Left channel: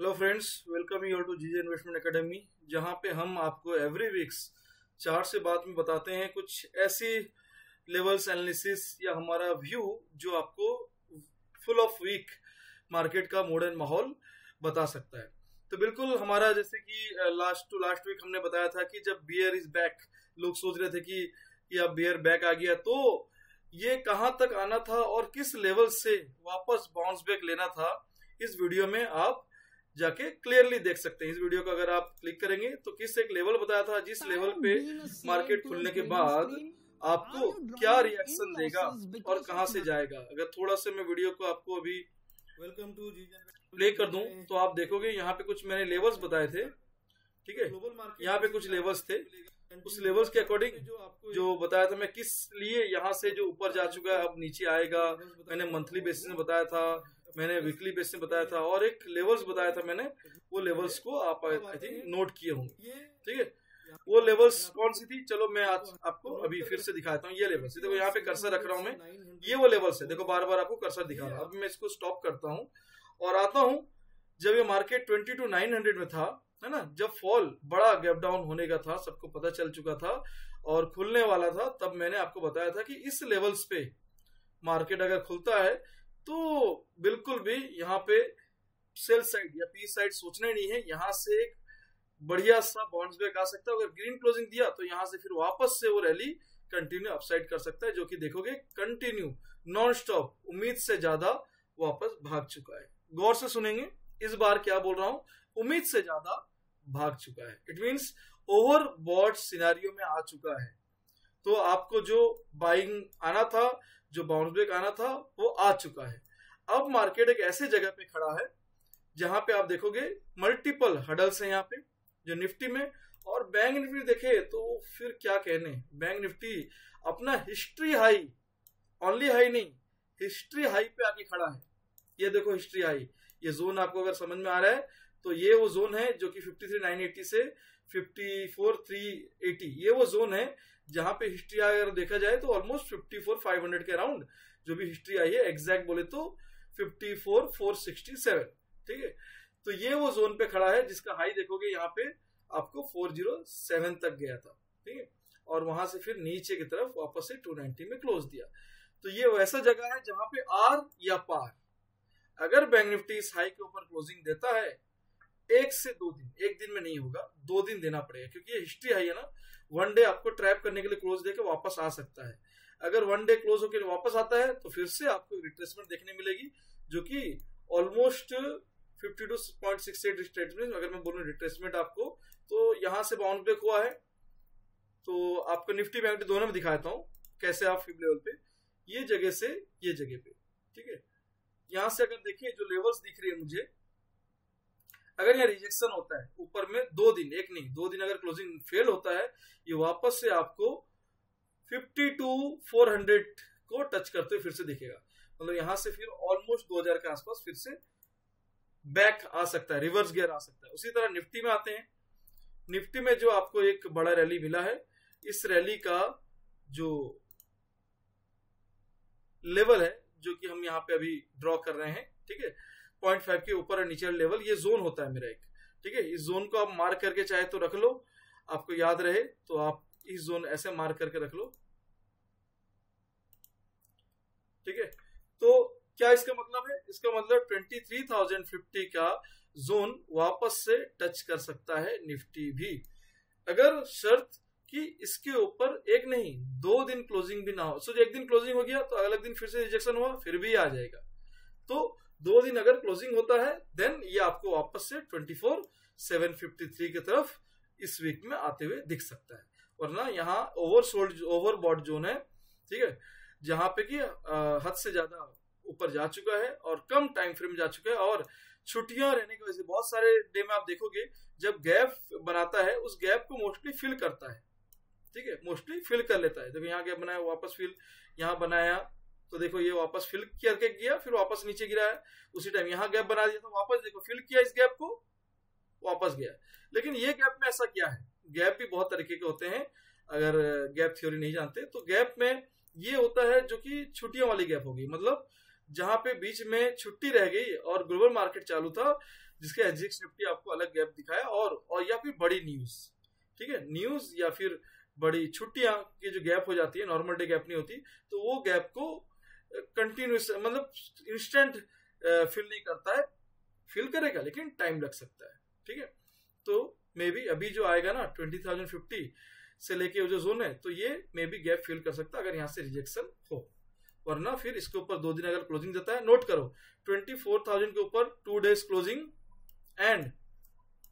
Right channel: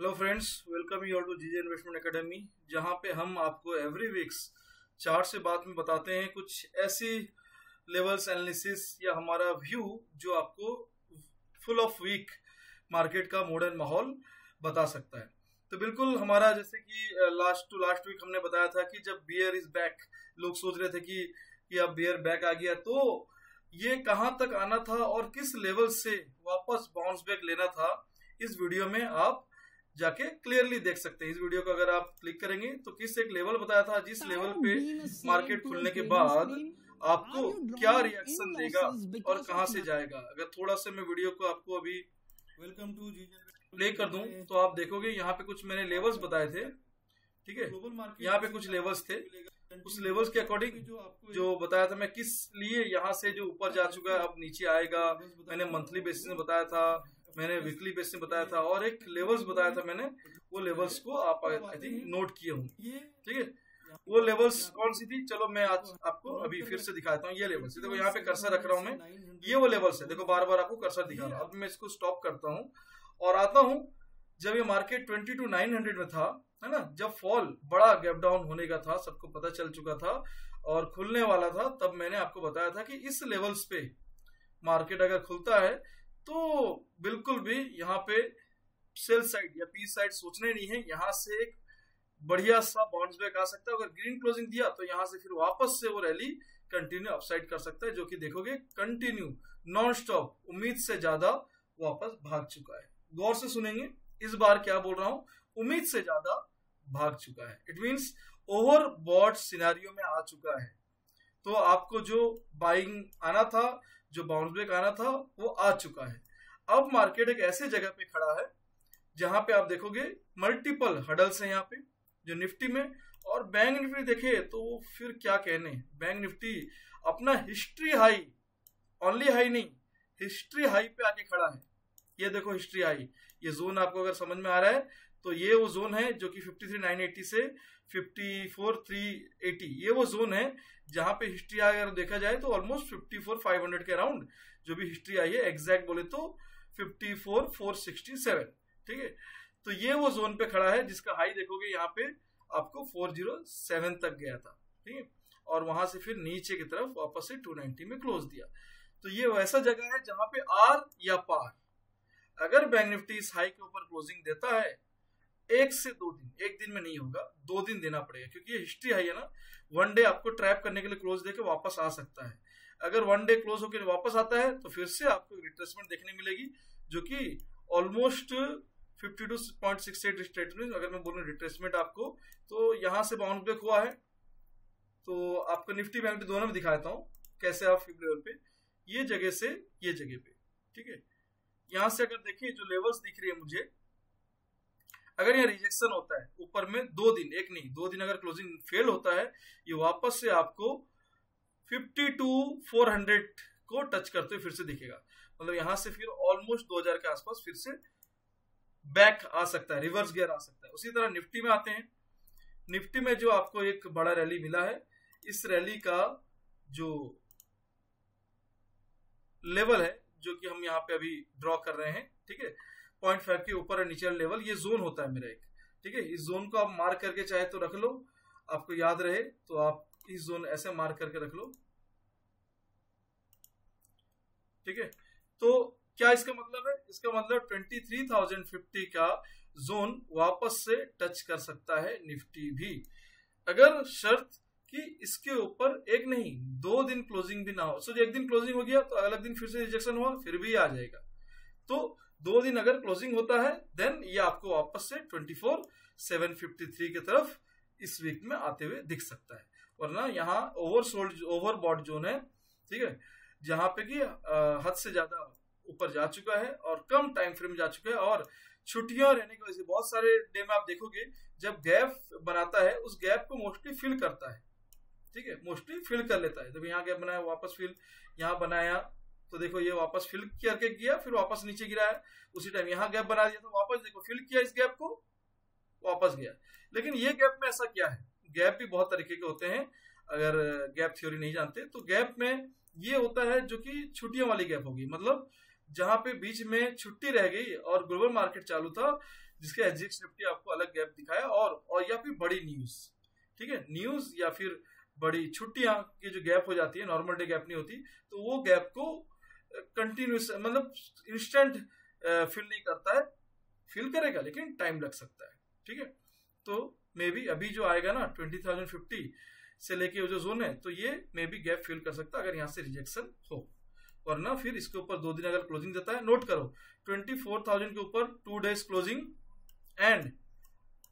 Hello friends, welcome you to GJ investment academy, जहां पे हम आपको एवरी वीक्स चार्ट से बाद में बताते हैं कुछ ऐसी लेवल्स एनालिसिस या हमारा व्यू जो आपको फुल ऑफ वीक मार्केट का मॉडर्न माहौल बता सकता है। तो बिल्कुल हमारा जैसे कि लास्ट वीक हमने बताया था कि जब बियर इज बैक, लोग सोच रहे थे कि अब बियर बैक आ गया, तो ये कहां तक आना था और किस लेवल से वापस बाउंस बैक लेना था, इस वीडियो में आप जाके क्लियरली देख सकते हैं। इस वीडियो को अगर आप क्लिक करेंगे तो किस एक लेवल बताया था, जिस लेवल पे मार्केट खुलने के बाद आपको क्या रिएक्शन देगा और कहां से जाएगा। अगर थोड़ा सा मैं वीडियो को आपको अभी वेलकम टू जी प्ले कर दूं तो आप देखोगे यहाँ पे कुछ मैंने लेवल्स बताए थे, ठीक है। यहाँ पे कुछ लेवल्स थे, उस लेवल्स के अकॉर्डिंग जो बताया था मैं, किस लिए यहाँ से जो ऊपर जा चुका है अब नीचे आएगा। मैंने मंथली बेसिस में बताया था, मैंने वीकली बेसिस में बताया था, और एक लेवल्स बताया था मैंने। वो लेवल्स को आप आई थिंक नोट किए होंगे, ठीक है। वो लेवल्स कौन सी थी, चलो मैं आज आपको अभी फिर से दिखाता हूँ। ये लेवल्स देखो, यहाँ पे कर्सर रख रहा हूँ मैं, ये वो लेवल्स है। देखो बार बार आपको कर्सर दिखा रहा हूँ। अब मैं इसको स्टॉप करता हूँ और आता हूँ जब ये मार्केट 22,900 में था, है ना, जब फॉल बड़ा गैप डाउन होने का था, सबको पता चल चुका था और खुलने वाला था, तब मैंने आपको बताया था कि इस लेवल्स पे मार्केट अगर खुलता है तो बिल्कुल भी यहाँ पे सेल साइड या पी साइड सोचने नहीं है। यहाँ से एक बढ़िया सा बाउंस बैक आ सकता है। अगर ग्रीन क्लोजिंग दिया तो यहाँ से फिर वापस से वो रैली कंटिन्यू अपसाइड कर सकता है, जो कि देखोगे कंटिन्यू नॉन स्टॉप उम्मीद से ज्यादा वापस भाग चुका है। गौर से सुनेंगे, इस बार क्या बोल रहा हूं, उम्मीद से ज्यादा भाग चुका है। इट मीन्स ओवरबॉट सिनेरियो में आ चुका है। तो आपको जो बाइंग आना था, जो बाउंस बैक आना था, वो आ चुका है। अब मार्केट एक ऐसे जगह पे खड़ा है जहां पे आप देखोगे मल्टीपल हडल्स हैं यहाँ पे, जो निफ्टी में। और बैंक निफ्टी देखे तो फिर क्या कहने, बैंक निफ्टी अपना हिस्ट्री हाई, ओनली हाई नहीं, हिस्ट्री हाई पे आके खड़ा है। ये देखो हिस्ट्री हाई, ये जोन आपको अगर समझ में आ रहा है तो ये वो जोन है जो कि 53,980 से 54,380, ये वो जोन है जहां पे हिस्ट्री आई अगर देखा जाए तो ऑलमोस्ट 54,500 के अराउंड जो भी हिस्ट्री आई है, एग्जैक्ट बोले तो 54,467, ठीक है। तो ये वो जोन पे खड़ा है जिसका हाई देखोगे यहाँ पे आपको 407 तक गया था, ठीक है, और वहां से फिर नीचे की तरफ वापस से 290 में क्लोज दिया। तो ये वैसा जगह है जहां पे आर या पार, अगर बैंक निफ्टी इस हाई के ऊपर क्लोजिंग देता है 1 से 2 दिन, एक दिन में नहीं होगा, 2 दिन देना पड़ेगा, क्योंकि ये हिस्ट्री हाई है ना। वन डे आपको ट्रैप करने के लिए क्लोज देके वापस आ सकता है। अगर वन डे क्लोज होकर वापस आता है तो फिर से आपको रिट्रेसमेंट देखने मिलेगी, जो कि ऑलमोस्ट 52.68 रिट्रेसमेंट। अगर मैं बोलूँ रिट्रेसमेंट आपको, तो यहाँ से बाउंस बैक हुआ है। तो आपको निफ्टी बैंक दोनों में दिखा देता हूँ कैसे आप फिब लेवल पे, ये जगह से ये जगह पे, ठीक है। यहां से अगर देखिए जो लेवल्स दिख रही है मुझे, अगर यहाँ रिजेक्शन होता है ऊपर में 2 दिन, एक नहीं 2 दिन, अगर क्लोजिंग फेल होता है, ये वापस से आपको 52,400 को टच करते हुए फिर से दिखेगा। मतलब यहां से फिर ऑलमोस्ट 2000 के आसपास फिर से बैक आ सकता है, रिवर्स गियर आ सकता है। उसी तरह निफ्टी में आते हैं। निफ्टी में जो आपको एक बड़ा रैली मिला है, इस रैली का जो लेवल है, जो कि हम यहाँ पे अभी ड्रॉ कर रहे हैं, ठीक है, 0.5 के ऊपर और नीचे लेवल, ये जोन होता है मेरा एक, ठीक है। इस जोन को आप मार्क करके चाहे तो रख लो, आपको याद रहे तो आप इस जोन ऐसे मार्क करके रख लो, ठीक है। तो क्या इसका मतलब है, इसका मतलब 23,050 का जोन वापस से टच कर सकता है निफ्टी भी, अगर शर्त कि इसके ऊपर एक नहीं 2 दिन क्लोजिंग भी ना हो। सो एक दिन क्लोजिंग हो गया तो अगले दिन फिर से रिजेक्शन हुआ, फिर भी आ जाएगा। तो 2 दिन अगर क्लोजिंग होता है देन ये आपको वापस से 24,753 की तरफ इस वीक में आते हुए दिख सकता है। वरना यहाँ ओवरबॉट जोन है, ठीक है, जहां पे कि हद से ज्यादा ऊपर जा चुका है और कम टाइम फ्रेम जा चुका है। और छुट्टियां रहने की वजह से बहुत सारे डे में आप देखोगे जब गैप बनाता है, उस गैप को मोस्टली फिल करता है, ठीक है, मोस्टली फिल कर लेता है। देखो यहाँ गैप बनाया, वापस फिल, यहाँ बनाया तो देखो ये वापस फिल करके गया, फिर वापस नीचे गिरा है। उसी टाइम यहाँ गैप बना दिया तो वापस देखो फिल किया इस गैप को, वापस गया। लेकिन ये गैप में ऐसा क्या है, गैप भी बहुत तरीके के होते हैं। अगर गैप थ्योरी नहीं जानते तो गैप में ये होता है जो कि छुट्टियों वाली गैप होगी, मतलब जहां पे बीच में छुट्टी रह गई और ग्लोबल मार्केट चालू था, जिसके एसजीएक्स निफ्टी आपको अलग गैप दिखाया, और या फिर बड़ी न्यूज, ठीक है, न्यूज या फिर बड़ी छुट्टियां की जो गैप हो जाती है, नॉर्मल डे गैप नहीं होती, तो वो गैप को कंटिन्यूस मतलब इंस्टेंट फिल नहीं करता है, फिल करेगा लेकिन टाइम लग सकता है, ठीक है। तो मे बी अभी जो आएगा ना 20,050 से लेके जो जोन है, तो ये मे बी गैप फिल कर सकता है अगर यहाँ से रिजेक्शन हो, वरना फिर इसके ऊपर 2 दिन अगर क्लोजिंग देता है, नोट करो 24,000 के ऊपर 2 डेज क्लोजिंग एंड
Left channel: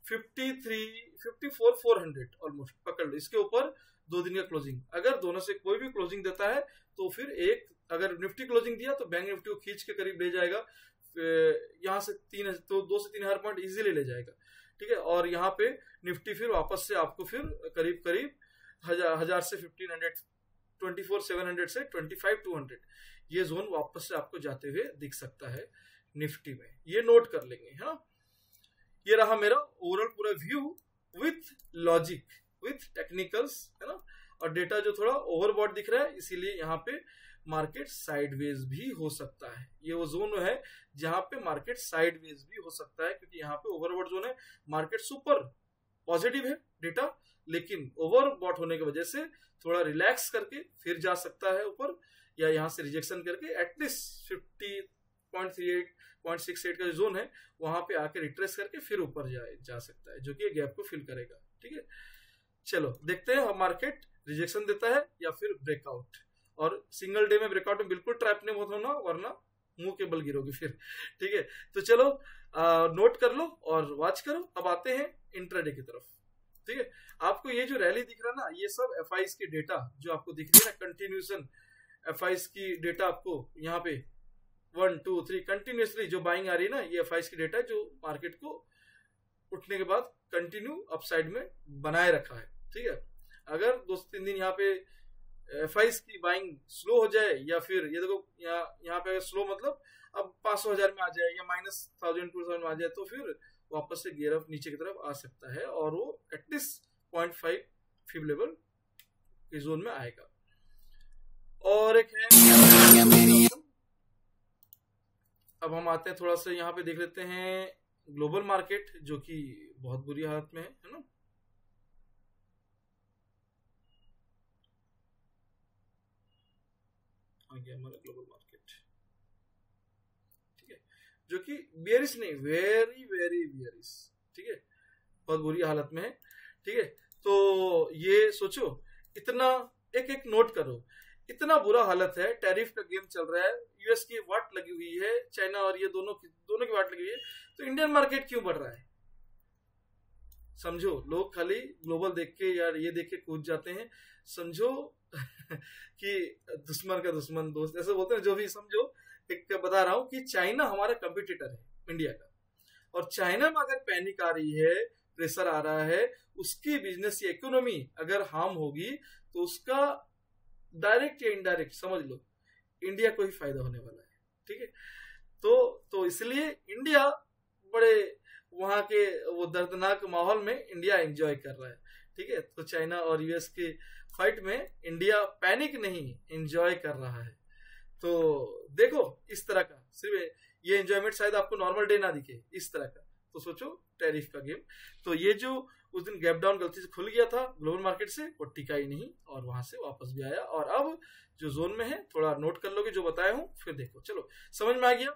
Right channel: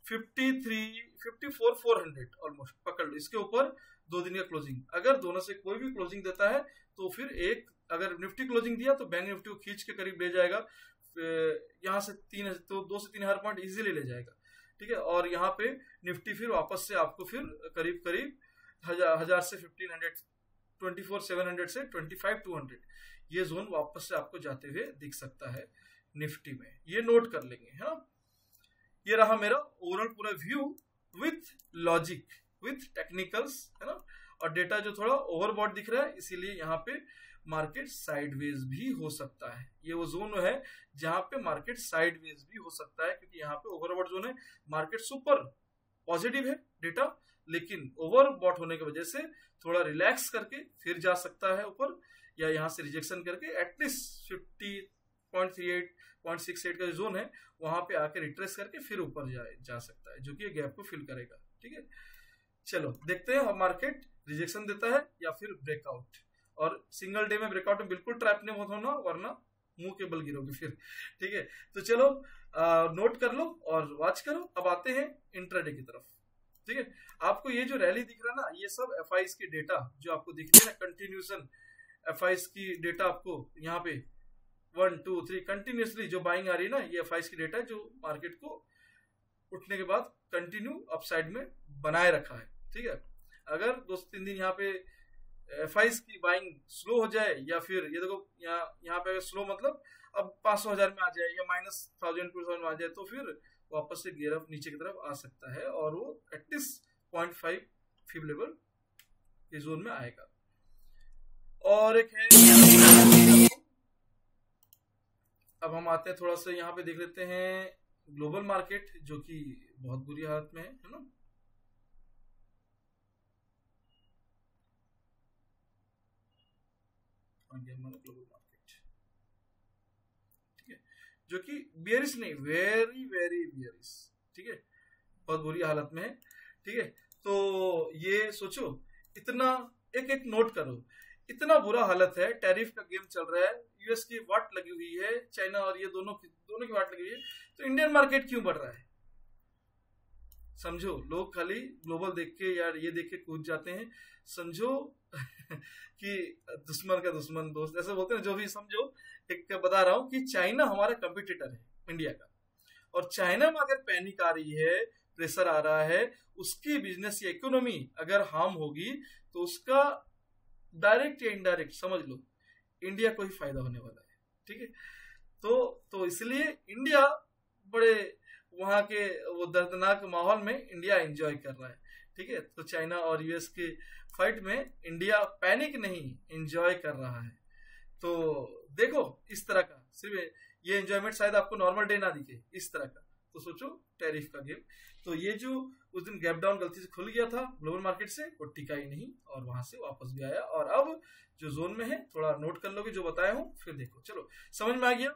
54,400 ऑलमोस्ट पकड़ लो, इसके ऊपर 2 दिन का क्लोजिंग, अगर दोनों से कोई भी क्लोजिंग देता है तो फिर एक, अगर निफ्टी क्लोजिंग दिया तो बैंक निफ्टी को खींच के करीब ले जाएगा, यहाँ से 2 से 3 हज़ार पॉइंट इजीली ले जाएगा, ठीक है। और यहाँ पे निफ्टी फिर वापस से आपको फिर करीब करीब 1000 से 1500, 24,700 से 25,200 ये जोन वापस से आपको जाते हुए दिख सकता है निफ्टी में, ये नोट कर लेंगे। हाँ, ये रहा मेरा ओवरऑल पूरा view with logic, with technicals, है ना, और डेटा जो थोड़ा ओवरबॉट दिख रहा है, इसीलिए यहाँ पे मार्केट साइडवेज भी हो सकता है। ये वो जोन है जहां पे मार्केट साइडवेज भी हो सकता है, क्योंकि यहाँ पे ओवरबॉट जोन है, मार्केट सुपर पॉजिटिव है डेटा, लेकिन ओवरबॉट होने की वजह से थोड़ा रिलैक्स करके फिर जा सकता है ऊपर, या यहाँ से रिजेक्शन करके एटलीस्ट 50.38.68 का जो जोन है वहां पे आके रिट्रेस करके फिर ऊपर जा सकता है, जो कि गैप को फिल करेगा, ठीक है। चलो देखते हैं मार्केट रिजेक्शन देता है या फिर ब्रेकआउट, और सिंगल डे में ब्रेकआउट में बिल्कुल ट्रैप नहीं मत होना, वरना मुंह के बल गिरोगे फिर, ठीक है। तो चलो नोट कर लो और वॉच करो। अब आते हैं इंट्राडे की तरफ, ठीक है। आपको ये जो रैली दिख रहा है ना, ये सब एफआईज की डेटा जो आपको दिख रही है ना, कंटिन्यूशन एफआईज की डेटा आपको यहाँ पे 1 2 3 कंटिन्यूसली जो बाइंग आ रही है ना, ये एफआईज की डेटा है जो मार्केट को उठने के बाद कंटिन्यू अपसाइड में बनाए रखा है, ठीक है। अगर 2-3 दिन यहाँ पे एफआईज की बाइंग स्लो हो जाए, या फिर ये देखो यहाँ पे स्लो मतलब अब 500,000 में आ जाए या -1,000-2,000 में आ जाए, तो फिर वापस से गियर अप नीचे की तरफ आ सकता है, और वो एटलीस्ट 0.5 फिब लेवल के जोन में आएगा। और एक है, अब हम आते हैं थोड़ा सा यहाँ पे देख लेते हैं ग्लोबल मार्केट, जो कि बहुत बुरी हालत में है ना। आ गया हमारा ग्लोबल मार्केट, ठीक है, जो कि बियरिश नहीं, वेरी वेरी बियरिश, ठीक है, बहुत बुरी हालत में है, ठीक है। तो ये सोचो, इतना एक नोट करो, इतना बुरा हालत है, टैरिफ का गेम चल रहा है, यूएस की वाट लगी हुई है, चाइना और ये दोनों की वाट लगी हुई है, तो इंडियन मार्केट क्यों बढ़ रहा है? समझो, लोग खाली ग्लोबल देख के यार ये देख के कूद जाते हैं, समझो कि दुश्मन का दुश्मन दोस्त ऐसे बोलते हैं, जो भी समझो। एक बता रहा हूं कि चाइना हमारा कंपटीटर है इंडिया का, और चाइना में अगर पैनिक आ रही है, प्रेशर आ रहा है, उसकी बिजनेस या इकोनॉमी अगर हार्म होगी, तो उसका डायरेक्ट या इनडायरेक्ट समझ लो इंडिया को ही फायदा होने वाला है, ठीक है। तो इसलिए इंडिया बड़े वहां के वो दर्दनाक माहौल में इंडिया एंजॉय कर रहा है, ठीक है। तो चाइना और यूएस के फाइट में इंडिया पैनिक नहीं, एंजॉय कर रहा है। तो देखो, इस तरह का सिर्फ ये एंजॉयमेंट शायद आपको नॉर्मल डे ना दिखे, इस तरह का, तो सोचो टैरिफ का गेम। तो ये जो उस दिन गैप डाउन गलती से खुल गया था ग्लोबल मार्केट से, वो टिका ही नहीं और वहां से वापस भी आया, और अब जो जोन में है थोड़ा नोट कर लोगे जो बताया हूं, फिर देखो। चलो समझ में आ गया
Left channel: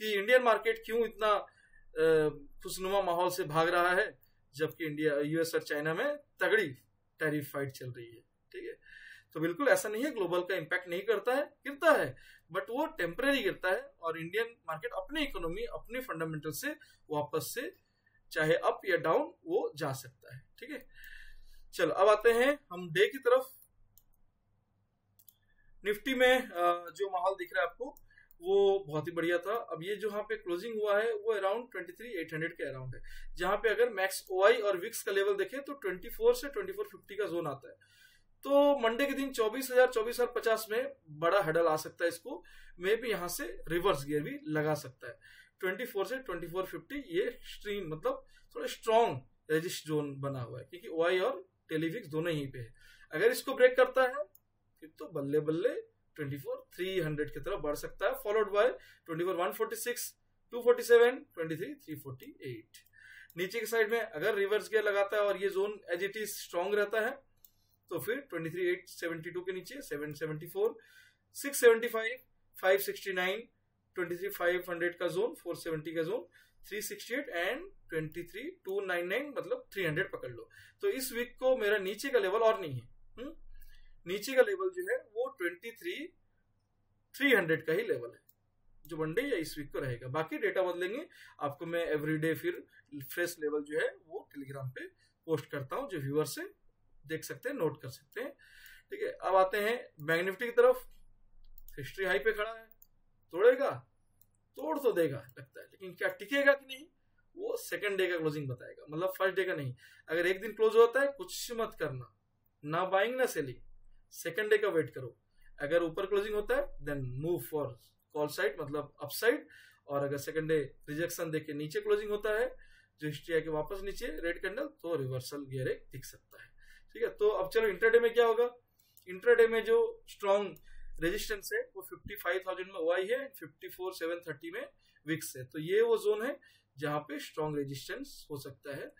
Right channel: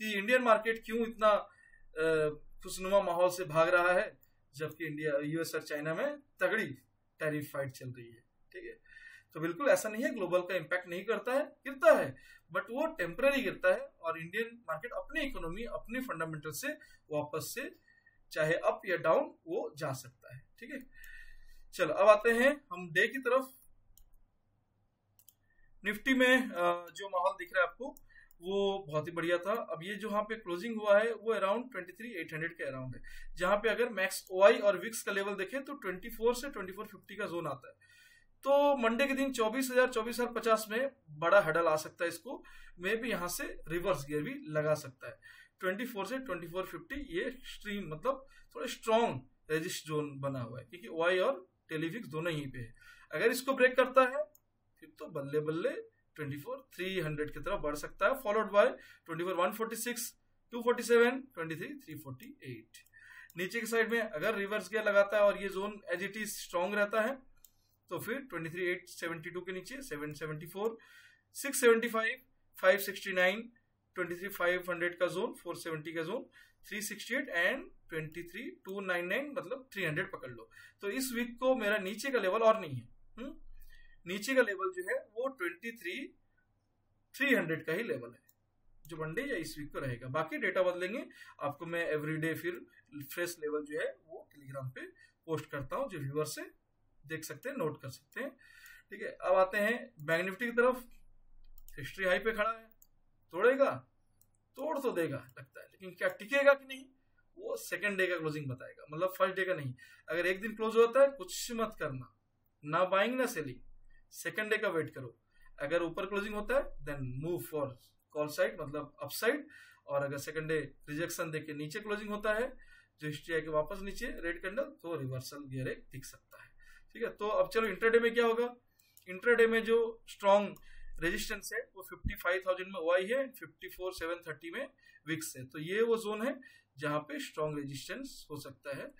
कि इंडियन मार्केट क्यों इतना खुशनुमा माहौल से भाग रहा है, जबकि इंडिया, यूएस और चाइना में तगड़ी टैरिफ फाइट चल रही है, ठीक है। तो बिल्कुल ऐसा नहीं है, ग्लोबल का इम्पैक्ट नहीं करता है, गिरता है, बट वो टेम्पररी गिरता है, और इंडियन मार्केट अपनी इकोनॉमी, अपनी फंडामेंटल से वापस से चाहे अप या डाउन वो जा सकता है, ठीक है। चलो अब आते हैं हम डे की तरफ। निफ्टी में जो माहौल दिख रहा है आपको, वो बहुत ही बढ़िया था। अब ये जो यहाँ पे क्लोजिंग हुआ है वो अराउंड 23,800 के अराउंड है, जहां पे अगर मैक्स ओआई और विक्स का लेवल देखें तो 24 से 2450 का जोन आता है। तो मंडे के दिन 24,050 में बड़ा हडल आ सकता है, इसको मे भी यहाँ से रिवर्स गियर भी लगा सकता है। 24 से 2450 ये एक्सट्रीम मतलब थोड़ा स्ट्रॉन्ग रेजिस्ट जोन बना हुआ है, क्योंकि ओआई और टेलीविक्स दोनों यहीं पे है। अगर इसको ब्रेक करता है फिर तो बल्ले बल्ले 24 300 की तरफ बढ़ सकता है, फॉलोड बाय 24 146 247 23 348। नीचे की साइड में अगर रिवर्स गियर लगाता है और ये zone as it is strong रहता है तो फिर 23 872 के नीचे 774 675 569 23 500 का जोन, 470 का जोन, 368 एंड 23 299 मतलब 300 पकड़ लो। तो इस वीक को मेरा नीचे का लेवल और नहीं है, नीचे का लेवल जो है वो 23 300 का ही लेवल है जो मंडे या इस वीक को रहेगा। बाकी डेटा बदलेंगे, आपको मैं एवरीडे फिर फ्रेश लेवल जो है वो टेलीग्राम पे पोस्ट करता हूँ, जो व्यूअर से देख सकते हैं, नोट कर सकते हैं। ठीक है, अब आते हैं बैंक निफ्टी की तरफ। हिस्ट्री हाई पे खड़ा है, तोड़ेगा, तोड़ तो देगा लगता है, लेकिन क्या टिकेगा कि नहीं वो सेकंड डे का क्लोजिंग बताएगा, मतलब फर्स्ट डे का नहीं। अगर एक दिन क्लोज होता है कुछ मत करना, ना बाइंग ना सेलिंग, सेकंड डे का वेट करो। अगर ऊपर क्लोजिंग होता है then move for call side मतलब अपसाइड, और अगर सेकंड डे रिजेक्शन देके नीचे क्लोजिंग होता है जो हिस्ट्री है कि वापस नीचे रेड कैंडल, तो रिवर्सल गियर एक दिख सकता है। ठीक है, तो अब चलो इंट्राडे में क्या होगा। इंट्राडे में जो स्ट्रॉन्ग रेजिस्टेंस है वो 55,000 में ओआई है, 54,730 में विक्स है। तो ये वो जोन है जहां पे स्ट्रॉन्ग रेजिस्टेंस हो सकता है।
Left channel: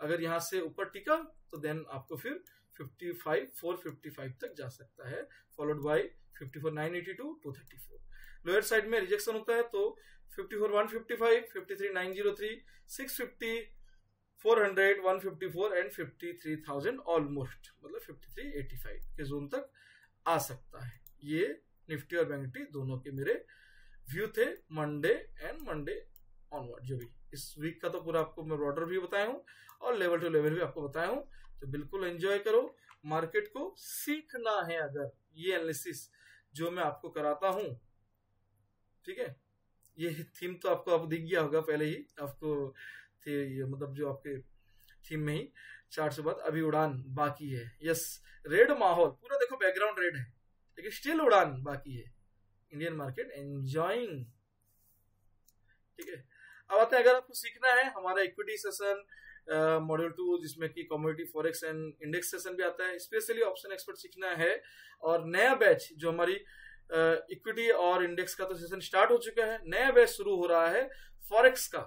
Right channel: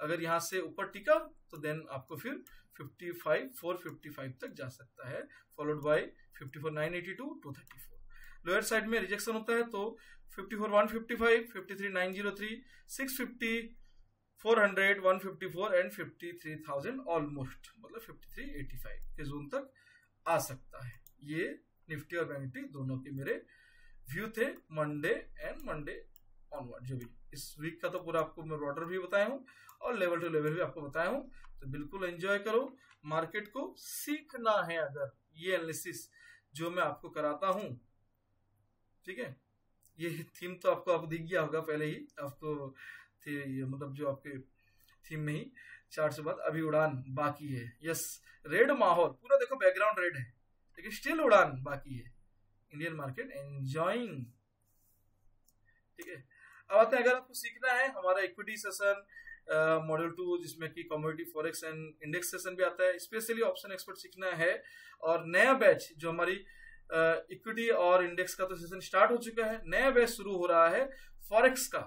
अगर यहां से ऊपर टिका तो देन आपको फिर 55,455 तक जा सकता है, फॉलोड बाय 54,982 234। लोअर साइड में रिजेक्शन होता है तो 54,155 53,903 650 400 154 एंड 53,000 ऑलमोस्ट मतलब 5385 के जोन तक आ सकता है। ये निफ्टी और बैंक निफ्टी दोनों के मेरे व्यू थे मंडे एंड मंडे ऑनवर्ड। जो भी इस वीक का तो पूरा आपको मैं ब्रॉडर भी बताया हूँ और लेवल टू लेवल भी आपको बताया हूँ, तो बिल्कुल एंजॉय करो। मार्केट को सीखना है अगर ये एनालिसिस जो मैं आपको कराता हूँ, ठीक है, ये थीम तो आपको अब दिख गया होगा पहले ही आपको थे, ये मतलब जो आपके थीम में ही चार्ट से बाद अभी उड़ान बाकी है। यस, रेड माहौल पूरा देखो, बैकग्राउंड रेड है लेकिन स्टिल उड़ान बाकी है, इंडियन मार्केट एंजॉइंग। ठीक है, अब आते हैं अगर आपको सीखना है हमारा इक्विटी सेशन मॉड्यूल 2 जिसमें कि commodity forex and index session भी आता है, स्पेशली ऑप्शन एक्सपर्ट सीखना है। और नया बैच जो हमारी इक्विटी और इंडेक्स का तो सेशन स्टार्ट हो चुका है, नया बैच शुरू हो रहा है फॉरेक्स का,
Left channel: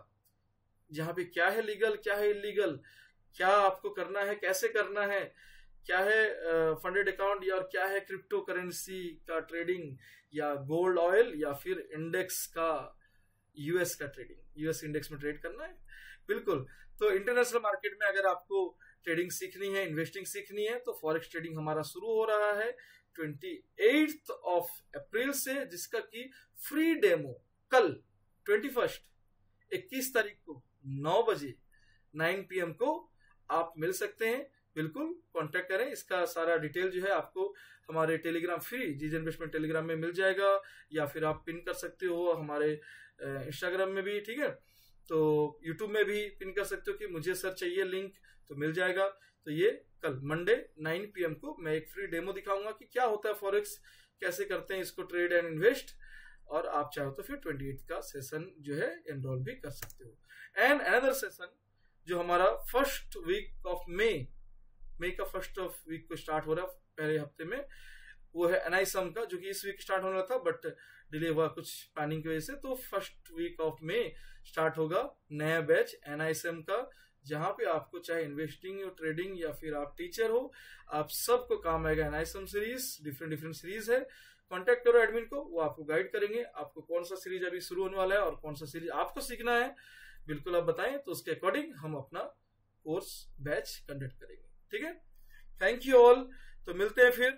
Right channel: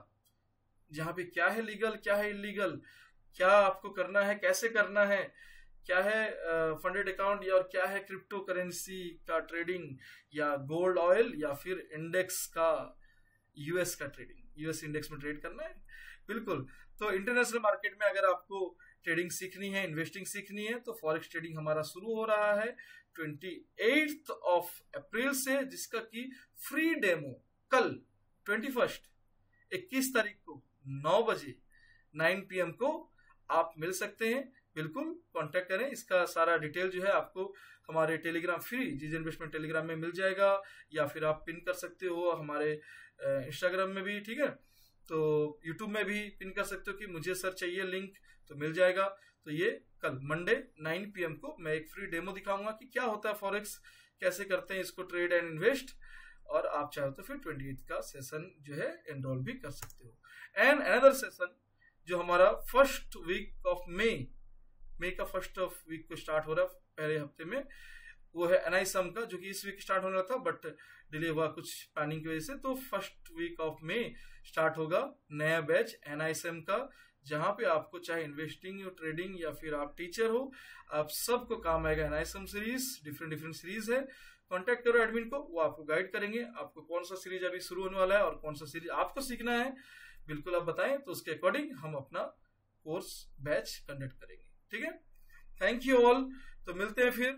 जहां पे क्या है लीगल क्या है इलीगल, क्या आपको करना है, कैसे करना है, क्या है फंडेड अकाउंट या और क्या है क्रिप्टो करेंसी का ट्रेडिंग, या गोल्ड ऑयल, या फिर इंडेक्स का यूएस का ट्रेडिंग, यूएस इंडेक्स में ट्रेड करना है। बिल्कुल, तो इंटरनेशनल मार्केट में अगर आपको ट्रेडिंग सीखनी है, इन्वेस्टिंग सीखनी है, तो फॉरेक्स ट्रेडिंग हमारा शुरू हो रहा है 28 अप्रैल से, जिसका कि फ्री डेमो कल 21 तारीख को 9 बजे 9 PM को आप मिल सकते हैं। बिल्कुल कांटेक्ट करें, इसका सारा डिटेल जो है आपको हमारे टेलीग्राम फ्री जीजे इन्वेस्टमेंट टेलीग्राम में मिल जाएगा, या फिर आप पिन कर सकते हो हमारे इंस्टाग्राम में भी। ठीक है, तो यूट्यूब में भी पिन कर सकते हो कि मुझे सर चाहिए लिंक, तो मिल जाएगा। तो ये कल मंडे 9 PM को मैं एक फ्री डेमो दिखाऊंगा कि क्या होता है फॉरेक्स, कैसे करते हैं इसको ट्रेड एंड इन्वेस्ट, और आप चाहो तो फिर 28 का सेशन जो है एनरोल भी कर सकते हो। एंड अनदर सेशन जो हमारा फर्स्ट वीक ऑफ मई का फर्स्ट ऑफ वीक को स्टार्ट हो रहा है पहले हफ्ते में, वो है एनआईएसएम का, जो कि इस वीक स्टार्ट होना था बट डिले हुआ कुछ प्लानिंग की वजह से। तो first week of May start होगा नया बैच एनआईएसएम का, जहां पे आपको चाहे इन्वेस्टिंग हो, ट्रेडिंग, या फिर आप टीचर हो, आप सबको काम आएगा। एनआईएसएम सीरीज डिफरेंट सीरीज है, कांटेक्ट करो एडमिन को, वो आपको गाइड करेंगे आपको कौन सा सीरीज अभी शुरू होने वाला है और कौन सा सीरीज आपको सीखना है। बिल्कुल आप बताएं, तो उसके अकॉर्डिंग हम अपना कोर्स बैच कंडक्ट करेंगे। ठीक है, थैंक यू ऑल। तो मिलते हैं फिर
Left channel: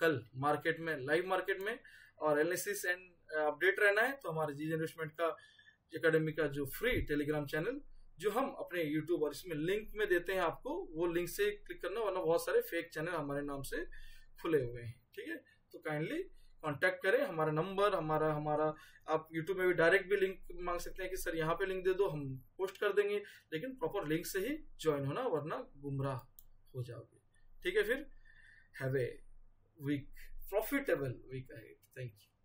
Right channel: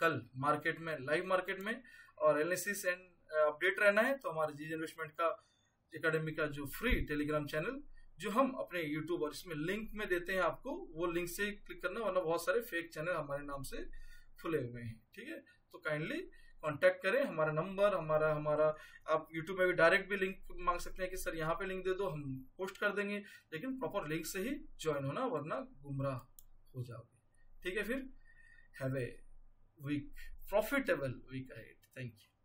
कल मार्केट में, लाइव मार्केट में, और एनालिसिस एंड अपडेट रहना है तो हमारे जीजे इन्वेस्टमेंट का एकेडमी का जो फ्री टेलीग्राम चैनल जो हम अपने यूट्यूब और इसमें लिंक में देते हैं आपको, वो लिंक से क्लिक करना, वरना बहुत सारे फेक चैनल हमारे नाम से खुले हुए हैं। ठीक है, तो काइंडली कांटेक्ट करें, हमारा नंबर हमारा आप यूट्यूब में भी डायरेक्ट भी लिंक मांग सकते हैं कि सर यहाँ पे लिंक दे दो, हम पोस्ट कर देंगे, लेकिन प्रॉपर लिंक से ही ज्वाइन होना, वरना गुमराह हो जाओगे। ठीक है, फिर have a week, profitable week ahead. Thank you.